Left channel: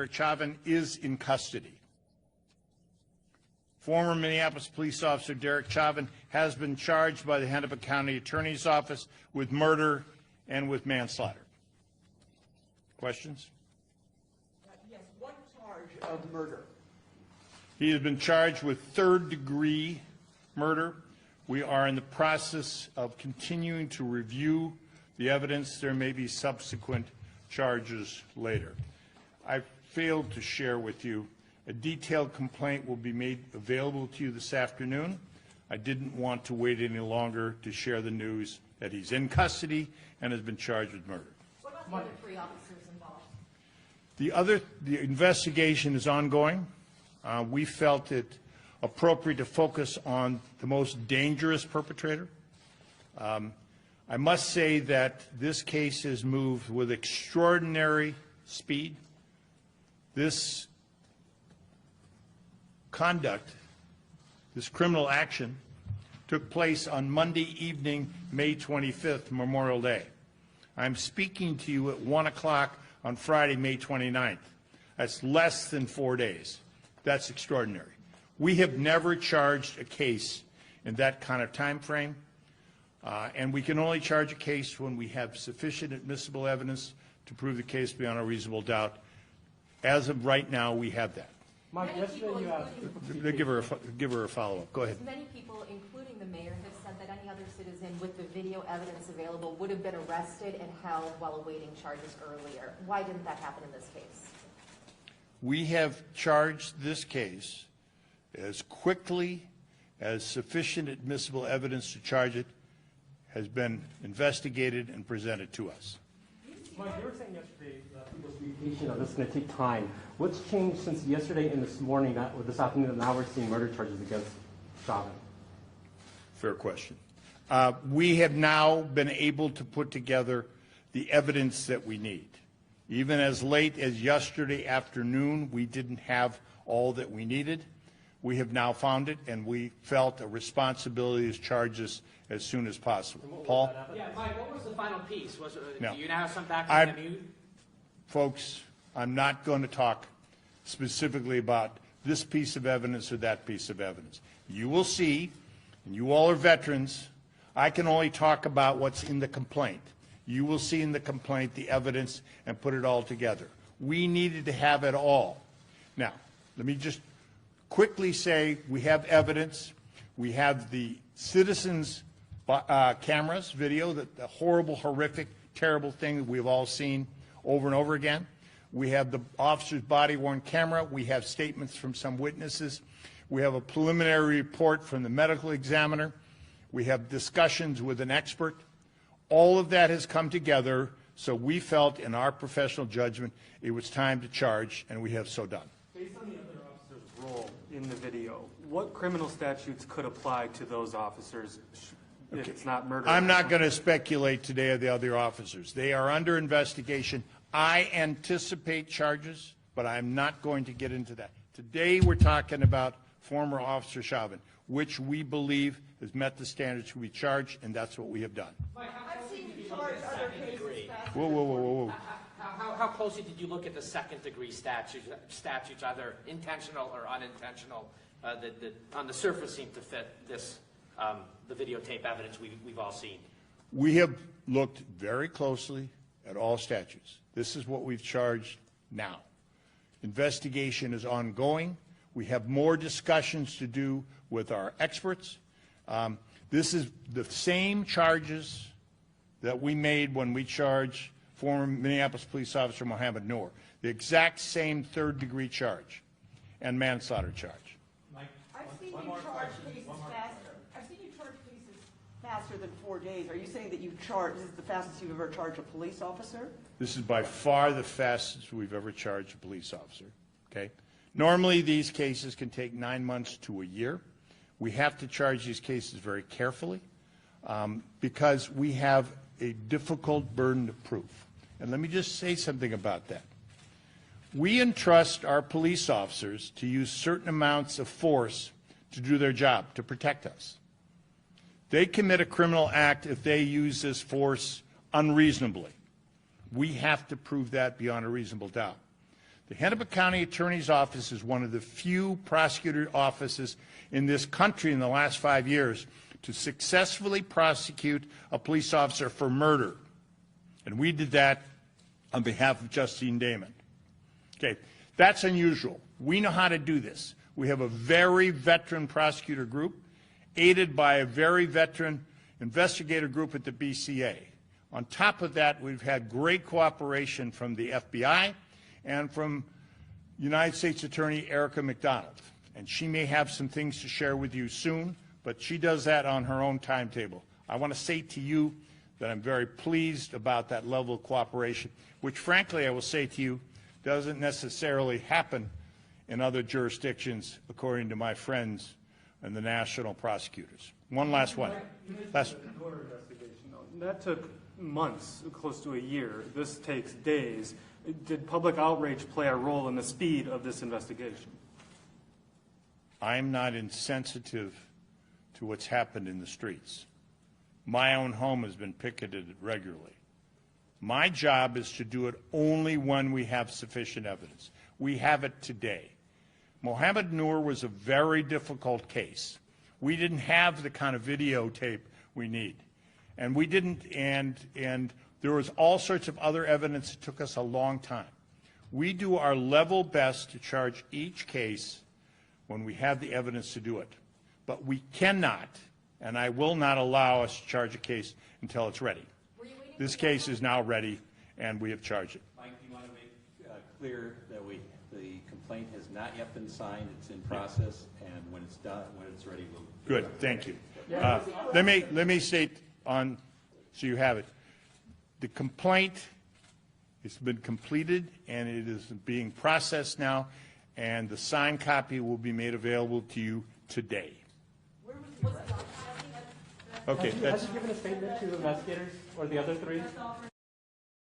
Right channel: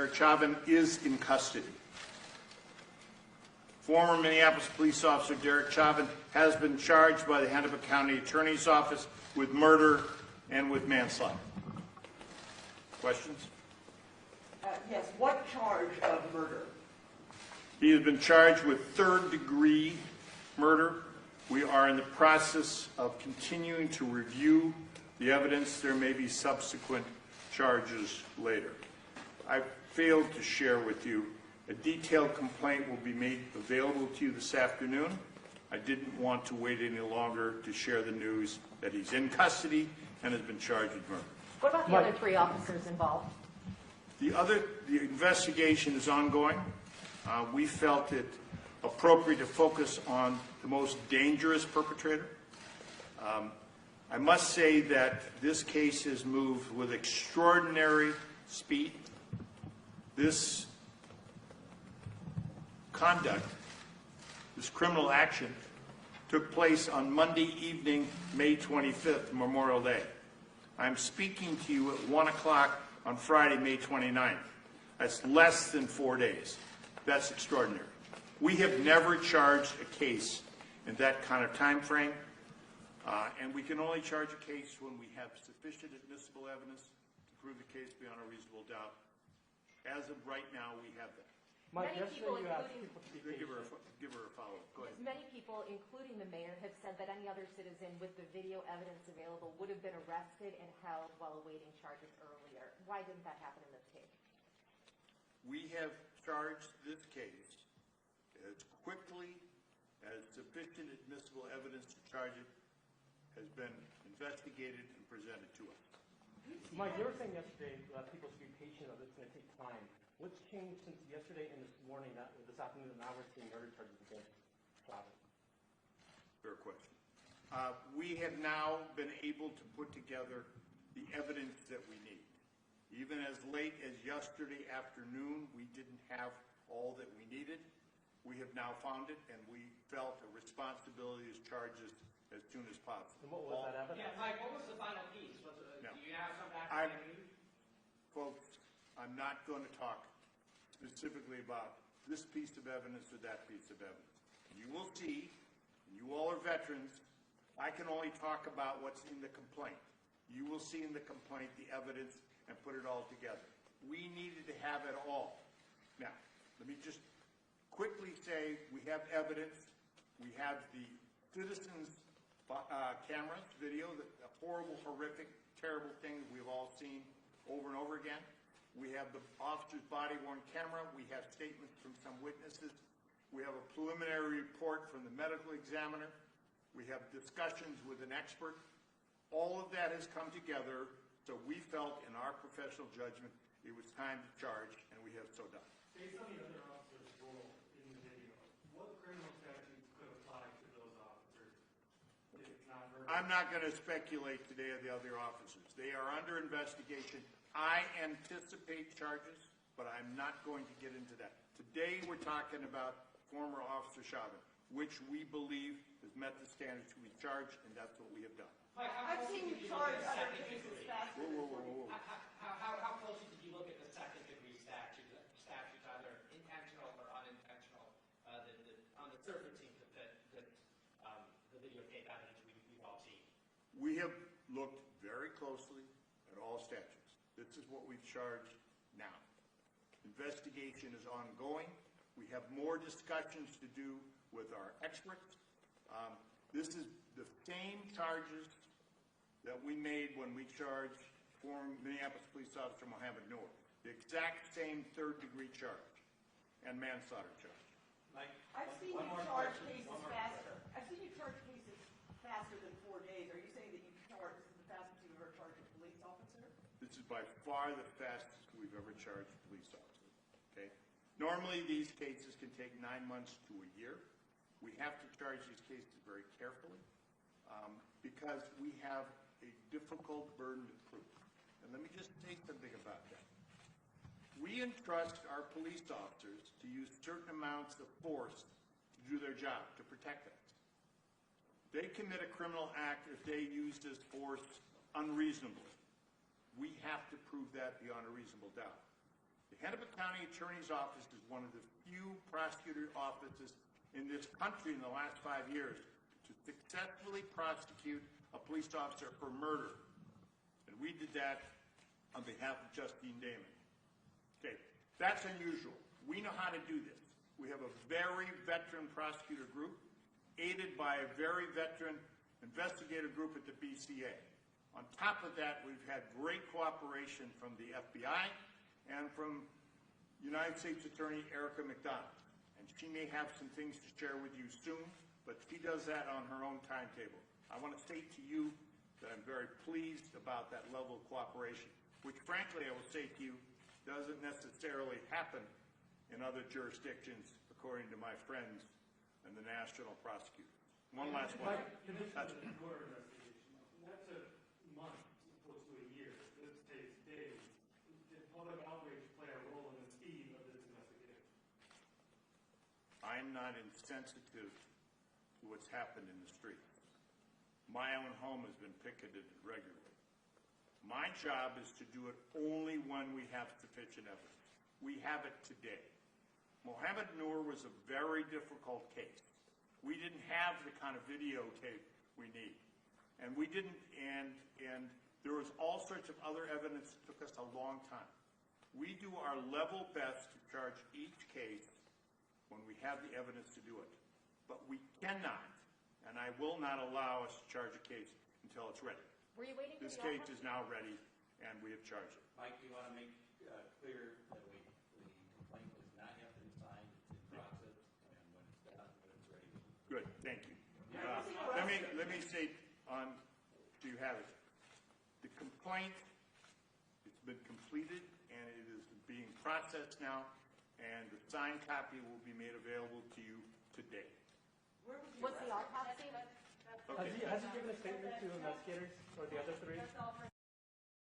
Derek Chauvin is in custody. Former Minneapolis police officer Derek Chauvin has been charged by the Hennepin County Attorney's Office with murder and with manslaughter. Questions? Yes. What charge of murder? He has been charged with third-degree murder. We are in the process of continuing to review the evidence. There may be subsequent charges later. I failed to share with you a detailed complaint will be made available to you this afternoon. I didn't want to wait any longer to share the news that he's in custody and has been charged with murder. What about the other 3 officers involved? The investigation is ongoing. We felt it appropriate to focus on the most dangerous perpetrator. I must say that this case has moved with extraordinary speed. This conduct, this criminal action, took place on Monday evening, May 25th, Memorial Day. I'm speaking to you at 1 o'clock on Friday, May 29th. That's less than 4 days. That's extraordinary. We have never charged a case in that kind of time frame, and we can only charge a case when we have sufficient admissible evidence to prove the case beyond a reasonable doubt. As of right now, we have that. Mike, Give her a follow-up. Go ahead. Many people, including the mayor, have said that any other citizen with the video evidence available would have been arrested and held while awaiting charges earlier. Why didn't that happen in this case? We have charged this case as quickly as sufficient admissible evidence to charge it has been investigated and presented to us. Mike, you were saying yesterday that people should be patient, this is going to take time. What's changed since yesterday and this morning, or this afternoon, now we're seeing murder charges against Chauvin? Fair question. We have now been able to put together the evidence that we need. Even as late as yesterday afternoon, we didn't have all that we needed. We have now found it, and we felt a responsibility to charge this as soon as possible. Paul? Yeah, Mike, what was the final piece? No. Do you now have some background from you? Folks, I'm not going to talk specifically about this piece of evidence or that piece of evidence. You will see, and you all are veterans, I can only talk about what's in the complaint. You will see in the complaint the evidence and put it all together. We needed to have it all. Now, let me just quickly say we have evidence. We have the citizens' cameras, video, the horrible, horrific, terrible thing that we've all seen over and over again. We have the officer's body-worn camera. We have statements from some witnesses. We have a preliminary report from the medical examiner. We have discussions with an expert. All of that has come together, so we felt in our professional judgment it was time to charge, and we have so done. Based on the other officer's role in the video, what criminal statutes could apply to those officers if it's not murder? I'm not going to speculate today of the other officers. They are under investigation. I anticipate charges, but I'm not going to get into that. Today we're talking about former Officer Chauvin, which we believe has met the standards to be charged, and that's what we have done. I've seen you charge other cases faster. Whoa. How closely did you look at the second-degree statutes, either intentional or unintentional, that on the surface seem to fit this, the videotape evidence we've all seen? We have looked very closely at all statutes. This is what we've charged now. Investigation is ongoing. We have more discussions to do with our experts. This is the same charges that we made when we charged former Minneapolis police officer Mohammed Noor. The exact same third-degree charge and manslaughter charge. I've seen you charge cases faster. I've seen you charge cases faster than 4 days. Are you saying that this is the fastest you've ever charged a police officer? This is by far the fastest we've ever charged a police officer. Okay? Normally, these cases can take 9 months to a year. We have to charge these cases very carefully because we have a difficult burden of proof. And let me just say something about that. We entrust our police officers to use certain amounts of force to do their job, to protect us. They commit a criminal act if they use this force unreasonably. We have to prove that beyond a reasonable doubt. The Hennepin County Attorney's Office is one of the few prosecutor offices in this country in the last 5 years to successfully prosecute a police officer for murder. And we did that on behalf of Justine Damon. Okay, that's unusual. We know how to do this. We have a very veteran prosecutor group, aided by a very veteran investigator group at the BCA. On top of that, we've had great cooperation from the FBI and from United States Attorney Erica McDonald. And she may have some things to share with you soon, but she does that on her own timetable. I want to say to you that I'm very pleased about that level of cooperation, which frankly I will say to you doesn't necessarily happen in other jurisdictions, according to my friends and the national prosecutors. One last one. That took months, close to a year. This takes days. Did public outrage play a role in the speed of this investigation? I'm not insensitive to what's happened in the streets. My own home has been picketed regularly. My job is to do it only when we have sufficient evidence. We have it today. Mohammed Noor was a very difficult case. We didn't have the kind of videotape we need. And we didn't, and there was all sorts of other evidence that took us a long time. We do our level best to charge each case when we have the evidence to do it. But we cannot, and I will not allow us to charge a case until it's ready. This case is now ready, and we have charged it. Mike, you want to make clear that the complaint has not yet been signed, it's in process, and when it's done, when it's ready, we'll... Good, thank you. Let me state on, so you have it. The complaint has been completed, and it is being processed now, and the signed copy will be made available to you today. Okay, Has that's, he given a statement to investigators or the other three?